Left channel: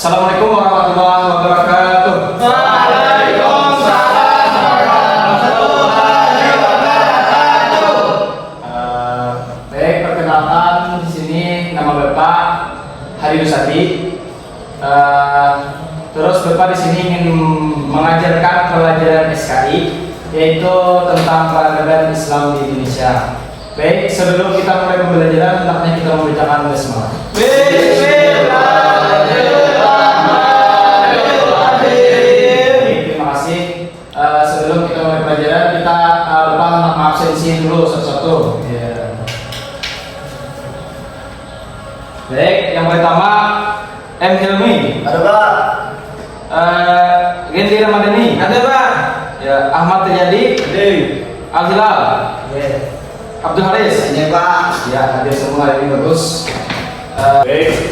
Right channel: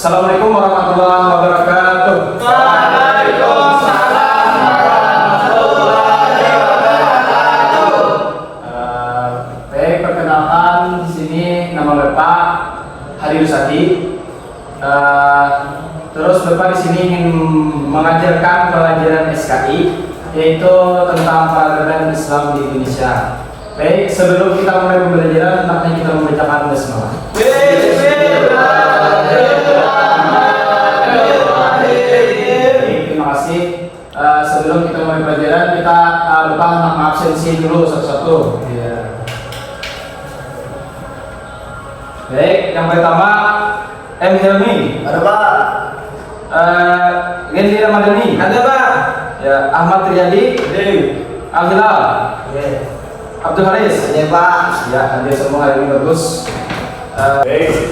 Assalamualaikum warahmatullahi wabarakatuh. Waalaikumsalam warahmatullahi wabarakatuh. Baik, perkenalkan di sini nama Bapak Hadi Rusadi. Terus Bapak di sini ingin mengajarkan pelajaran SKI, yaitu tentang peradaban Islam di Indonesia. Baik, sebelum kita mulai pembelajaran, hendaknya kita membacakan basmalah. Terima kasih. Sebelum kita mulai pelajaran, kita Bapak absensi dulu satu-satu. Baik, yang pertama M. Hilmi. Ada Pak. Gendi Ramadhani. Ada Pak. Ya, Ahmad Riyadi. Al Hilal. Abdul Haris. Ada Pak. Ya, ada semua hari ini bagus. Baik,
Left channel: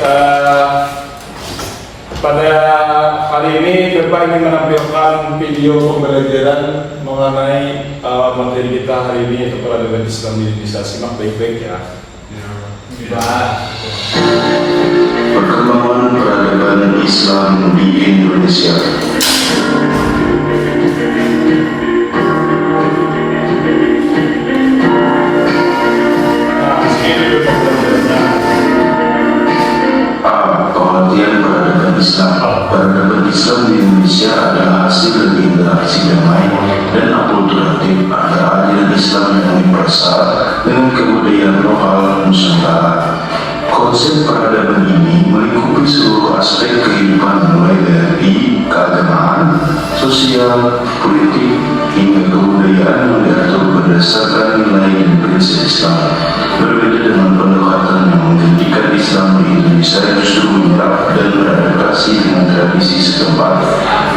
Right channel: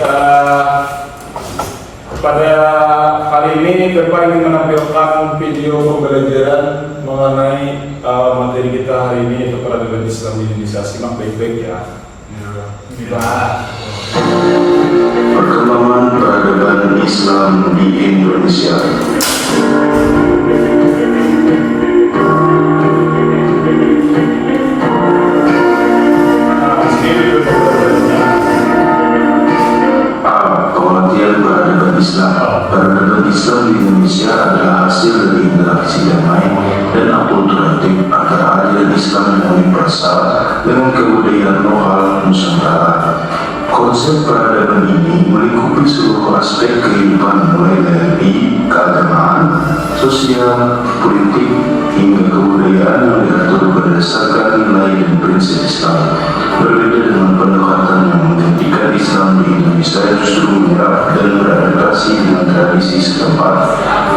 pada hari ini Bapak ingin menampilkan video pembelajaran mengenai materi kita hari ini, yaitu peradaban Islam di Indonesia. Simak baik-baik ya. Perkembangan peradaban Islam di Indonesia. Pengertian peradaban Islam. Peradaban Islam di Indonesia adalah hasil dari interaksi damai dan akulturatif antara aliran Islam yang universal dengan kebudayaan lokal Nusantara. Konsep peradaban ini melingkupi seluruh aspek kehidupan, mulai dari keagamaan, sosial, politik, hingga kebudayaan yang diatur berdasarkan nilai dan prinsip Islam. Berbeda dengan pendekatan yang menghentikan Islam di Indonesia yang justru menyerap dan beradaptasi dengan tradisi setempat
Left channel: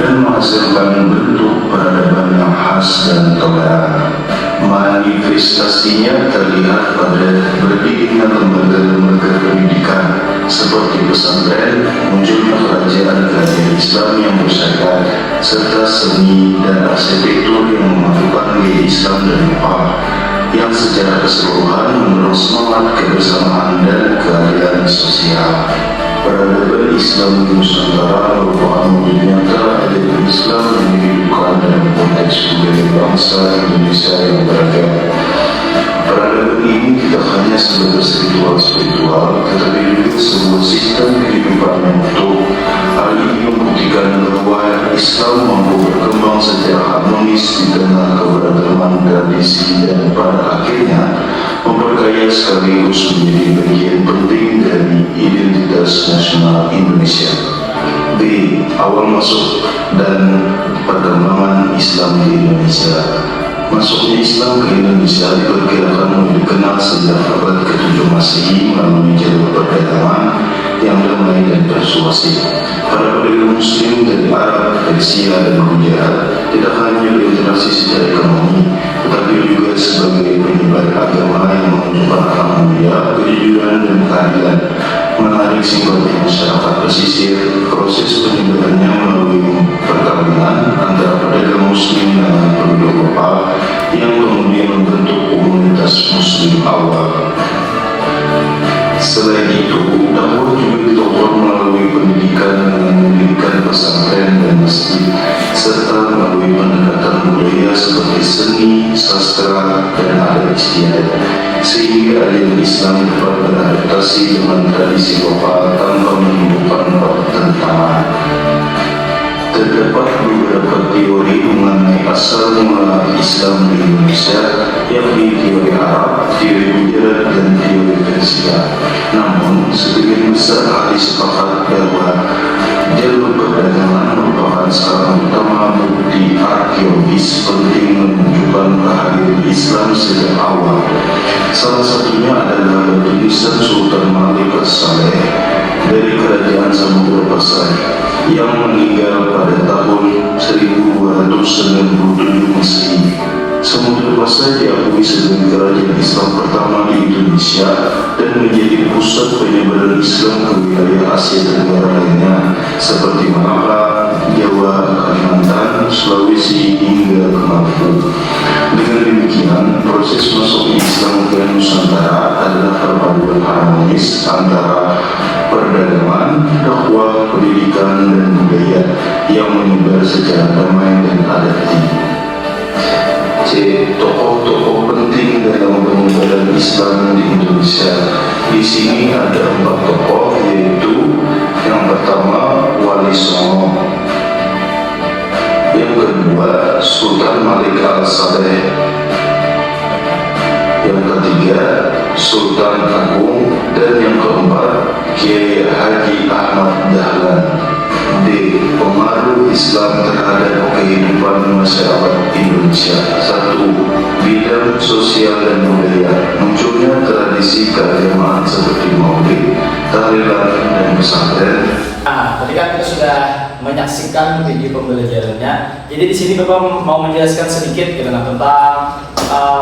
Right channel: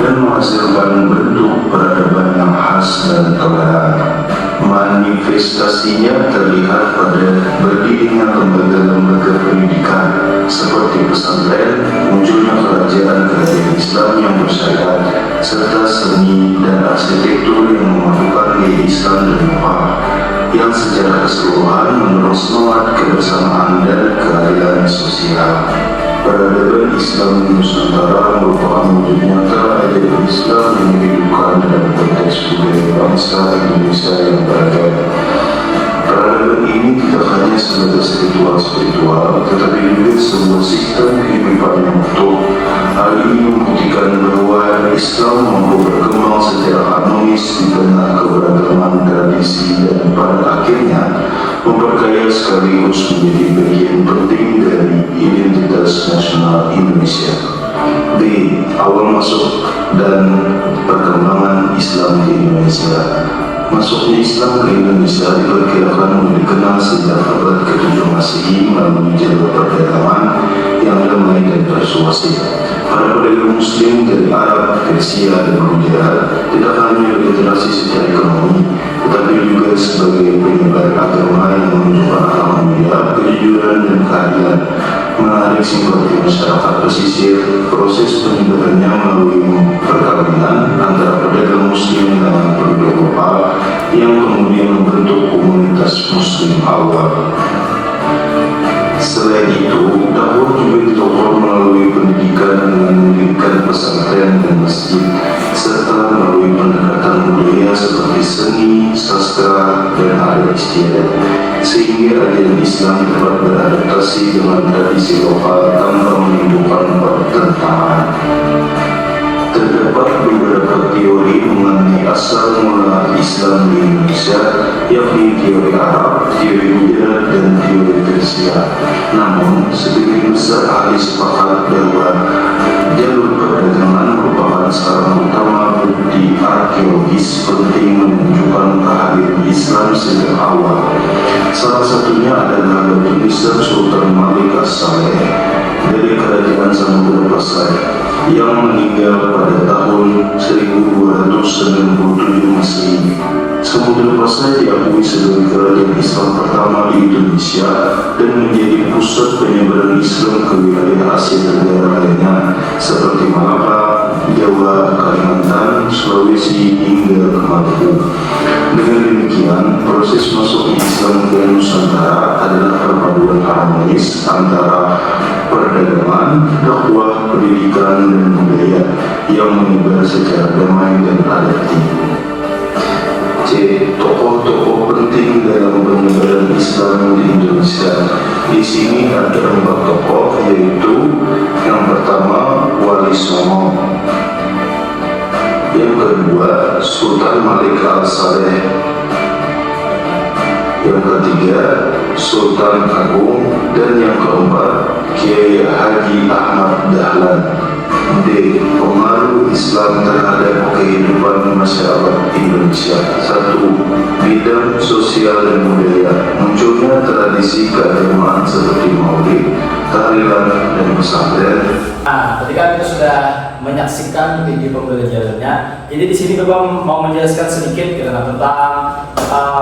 dan menghasilkan bentuk peradaban yang khas dan toleran. Manifestasinya terlihat pada berdirinya lembaga-lembaga pendidikan seperti pesantren, munculnya kerajaan-kerajaan Islam yang bersyarat, serta seni dan arsitektur yang memasukkan nilai Islam dan Eropa yang secara keseluruhan mendorong semangat kebersamaan dan keadilan sosial. Peradaban Islam di Nusantara merupakan wujud nyata ajaran Islam yang dihidupkan dalam konteks budaya bangsa Indonesia yang beragam. Peradaban ini tidak hanya sebagai spiritual, tetapi juga sebuah sistem kehidupan yang utuh. Hal ini membuktikan bahwa Islam mampu berkembang secara harmonis di tengah keberagaman tradisi dan pada akhirnya memperkaya sekaligus menjadi bagian penting dari identitas nasional Indonesia. B. Awal masuk dan perkembangan Islam di Indonesia. Masuknya Islam ke Indonesia diperkirakan mulai dikenal sejak abad ke-7 Masehi melalui jalur perdagangan yang damai dan persuasif. Para pedagang Muslim dari Arab, Persia, dan Romawi tidak hanya berinteraksi secara ekonomi, tetapi juga sebagai penyebar agama yang menunjukkan alhamdulillah, kejujuran dan keadilan. Menarik simpati masyarakat pesisir, proses penyebarannya melalui perkawinan antara pedagang Muslim dengan penduduk lokal yang kemudian membentuk komunitas Muslim awal. Selain itu, dakwah juga ditopang melalui pendidikan dengan mendirikan pesantren dan masjid, serta melalui pendekatan budaya seperti seni, sastra, dan adat istiadat, sehingga aliran Islam dapat beradaptasi dengan tradisi lokal tanpa menimbulkan pertentangan. Terdapat beberapa teori mengenai asal mula Islam di Indonesia, yakni teori Arab, teori Moderat, dan teori Persia. Namun, sebagian besar ahli sepakat bahwa jalur perdagangan merupakan salah utama bukti arkeologis penting menunjukkan kehadiran Islam sejak awal. Salah satunya adalah batu nisan Sultan Malik As-Saleh dari Kerajaan Samudra Pasai yang meninggal pada tahun 1297 Masehi. Samudra Pasai diakui sebagai kerajaan Islam pertama di Indonesia dan menjadi pusat penyebaran Islam ke wilayah Asia Tenggara lainnya seperti Malaka, Jawa, Kalimantan, Sulawesi, hingga ke Maluku. Dengan demikian, proses masuk Islam ke Nusantara adalah perpaduan harmonis antara perdagangan, dakwah, pendidikan, dan budaya yang menyebar secara damai dan adati. C. Tokoh-tokoh penting dalam penyebaran Islam di Indonesia. Di sini ada 4 tokoh, yaitu yang pertama Wali Songo, yang kedua Sultan Malik Al-Saleh, yang ketiga Sultan Agung, dan yang keempat Kiai Haji Ahmad Dahlan. D. Pengaruh Islam terhadap kehidupan masyarakat Indonesia. 1. Bidang sosial dan budaya. Munculnya tradisi keagamaan seperti maulid, tahlilan, dan pesantren. Nah, tadi kan kita sudah menyaksikan video pembelajarannya. Jadi di sini Bapak mau menjelaskan sedikit tentang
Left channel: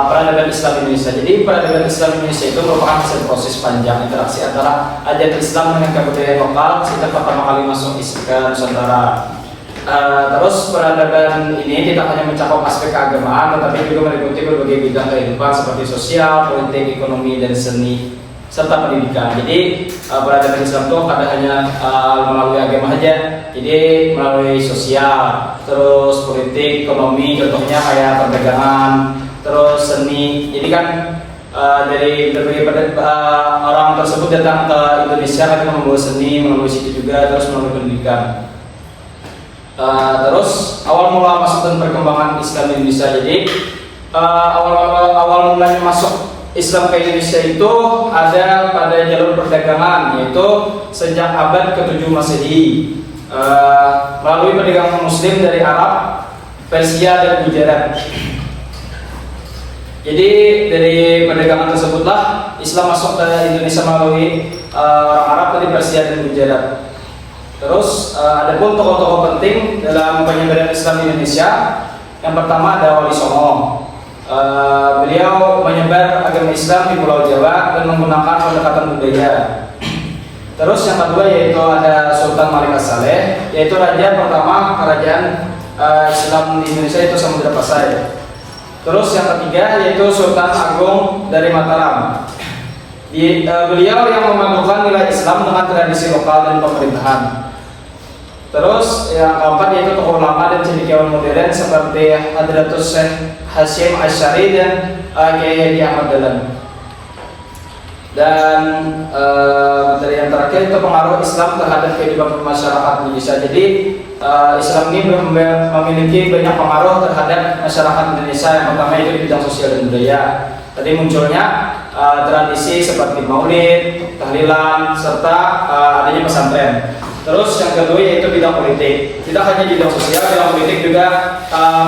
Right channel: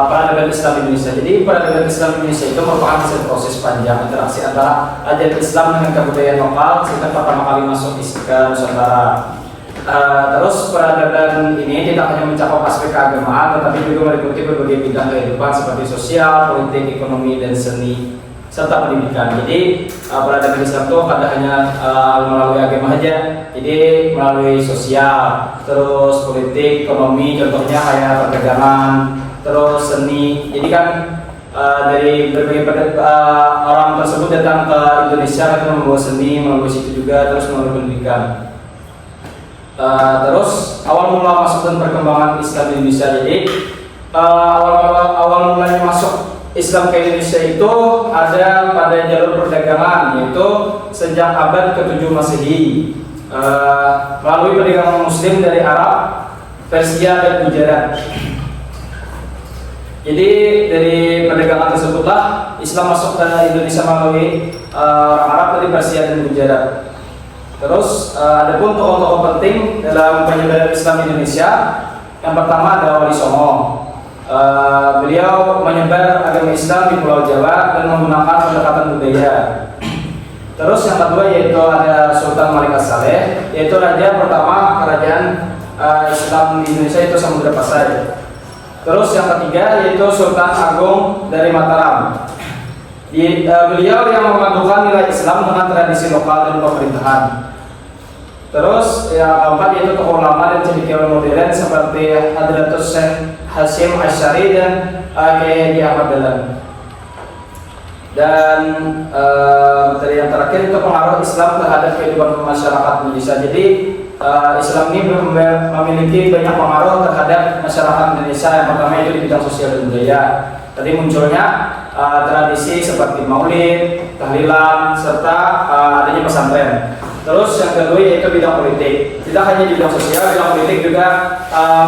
peradaban Islam di Indonesia. Jadi peradaban Islam di Indonesia itu merupakan hasil proses panjang interaksi antara ajaran Islam dengan kebudayaan lokal sejak pertama kali masuk ke Nusantara. Terus peradaban ini tidak hanya mencakup aspek keagamaan, tetapi juga meliputi berbagai bidang kehidupan seperti sosial, politik, ekonomi, dan seni serta pendidikan. Jadi peradaban Islam itu tidak hanya melalui agama saja, jadi melalui sosial, terus politik, ekonomi, contohnya kayak perdagangan, terus seni. Jadi kan dari berbagai orang tersebut datang ke Indonesia mereka membawa seni melalui situ juga, terus melalui pendidikan. Terus awal mula masuk dan perkembangan Islam di Indonesia. Jadi awal mulanya masuk Islam ke Indonesia itu ada pada jalur perdagangan, yaitu sejak abad ke-7 Masehi melalui perdagangan Muslim dari Arab, Persia, dan Gujarat. Jadi dari perdagangan tersebutlah Islam masuk ke Indonesia melalui Arab, dari Persia, dan Gujarat. Terus ada pun tokoh-tokoh penting dalam penyebaran Islam di Indonesia. Yang pertama ada Wali Songo. Beliau menyebar agama Islam di Pulau Jawa dan menggunakan pendekatan budaya. Terus yang kedua yaitu ada Sultan Malik Al-Saleh, yaitu raja pertama kerajaan Islam di Indonesia, itu Samudra Pasai. Terus yang ketiga yaitu Sultan Agung dari Mataram. Beliau yang memadukan nilai Islam dengan tradisi lokal dan pemerintahan. Terus yang keempat yaitu tokoh lama dan cendekiawan modern seperti Hadratus Syekh Hasyim Asy'ari dan Kiai Haji Ahmad Dahlan. Dan dari yang terakhir itu pengaruh Islam terhadap kehidupan masyarakat Indonesia. Jadi Islam ini memiliki banyak pengaruh terhadap masyarakat Indonesia. Yang pertama itu di bidang sosial dan budaya. Tadi munculnya tradisi seperti maulid, tahlilan, serta adanya pesantren. Terus yang kedua yaitu bidang politik. Tidak hanya di bidang sosial, bidang politik juga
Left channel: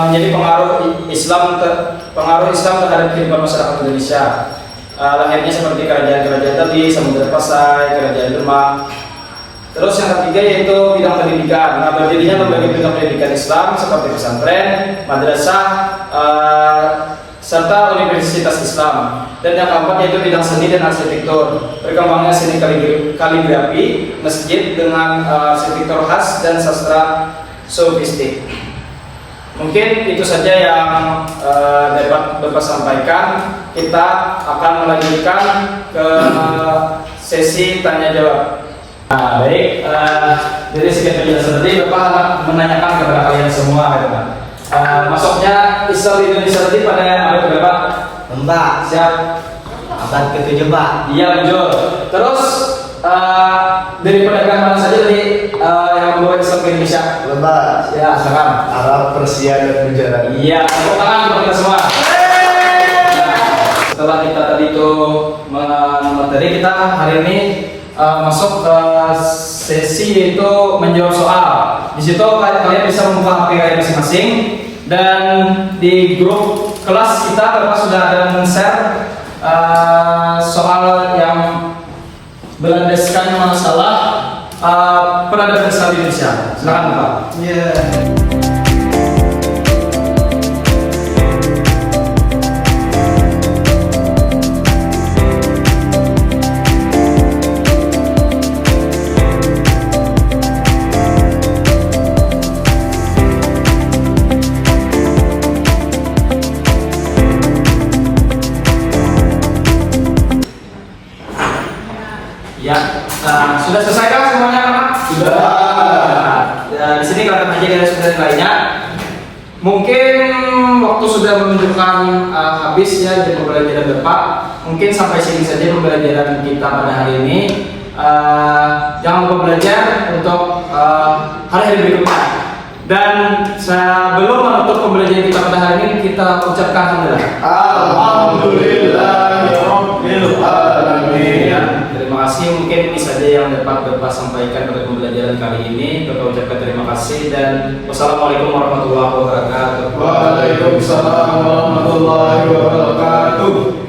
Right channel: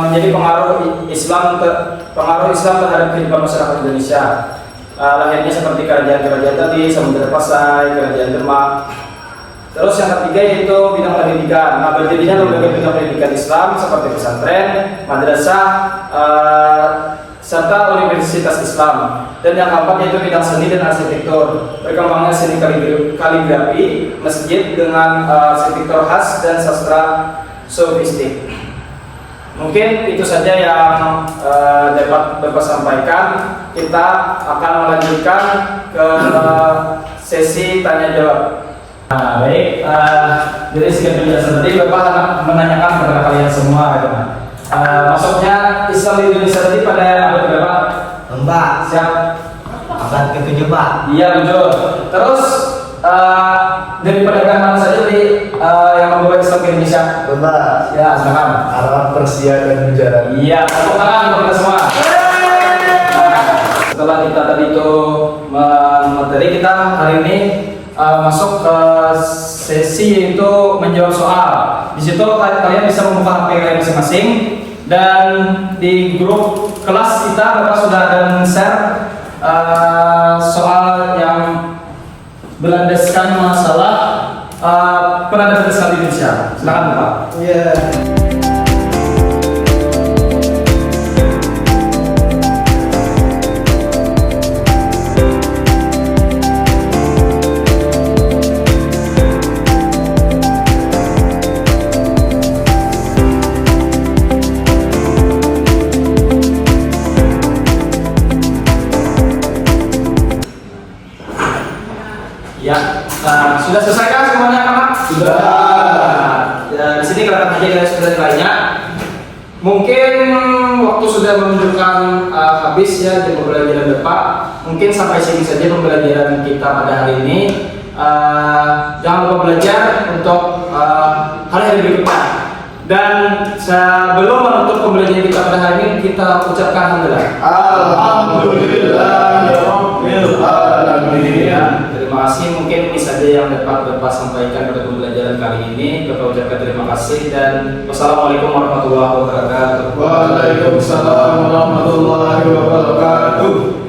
menjadi pengaruh Islam terhadap kehidupan masyarakat Indonesia. Lahirnya seperti kerajaan-kerajaan tadi, Samudra Pasai, Kerajaan Demak. Terus yang ketiga yaitu bidang pendidikan. Nah, berdirinya berbagai bidang pendidikan Islam seperti pesantren, madrasah, serta Universitas Islam. Dan yang keempat yaitu bidang seni dan arsitektur. Berkembangnya seni kaligrafi, masjid dengan arsitektur khas dan sastra sofistik. Mungkin itu saja yang dapat Bapak sampaikan. Kita akan melanjutkan ke sesi tanya jawab. Nah, baik. Dari segi penjelasan tadi Bapak menanyakan kepada kalian semua, masuknya Islam di Indonesia tadi pada abad berapa? Mbak, Siap. abad ke-7, Pak. Iya, betul. Terus dari perdagangan saja tadi yang membawa Islam ke Indonesia. Benar. Ya, silakan. Arab, Persia, dan Gujarat. Iya, tepuk tangan untuk kita semua. Setelah kita tadi itu materi, kita hari ini masuk ke sesi yaitu menjawab soal. Di situ kalian bisa membuka HP kalian masing-masing, dan di grup kelas kita Bapak sudah ada men-share soal yang berlandaskan masalah peradaban Islam di Indonesia. Silakan Pak. Iya. Ya, sudah selesai kan semuanya anak? Sudah. Ya, di sini kelihatan aja garis besar nilainya. Mungkin waktu sudah menunjukkan habis ya jam pembelajaran depan. Mungkin sampai sini saja pembelajaran kita pada hari ini. Jangan lupa belajar untuk hari-hari berikutnya. Dan sebelum menutup pembelajaran kita pada hari ini, kita ucapkan Alhamdulillahirabbil alamin. Terima kasih. Mungkin ini saja yang dapat Bapak sampaikan pada pembelajaran kali ini. Bapak ucapkan terima kasih dan wassalamualaikum warahmatullahi wabarakatuh. Waalaikumsalam warahmatullahi wabarakatuh.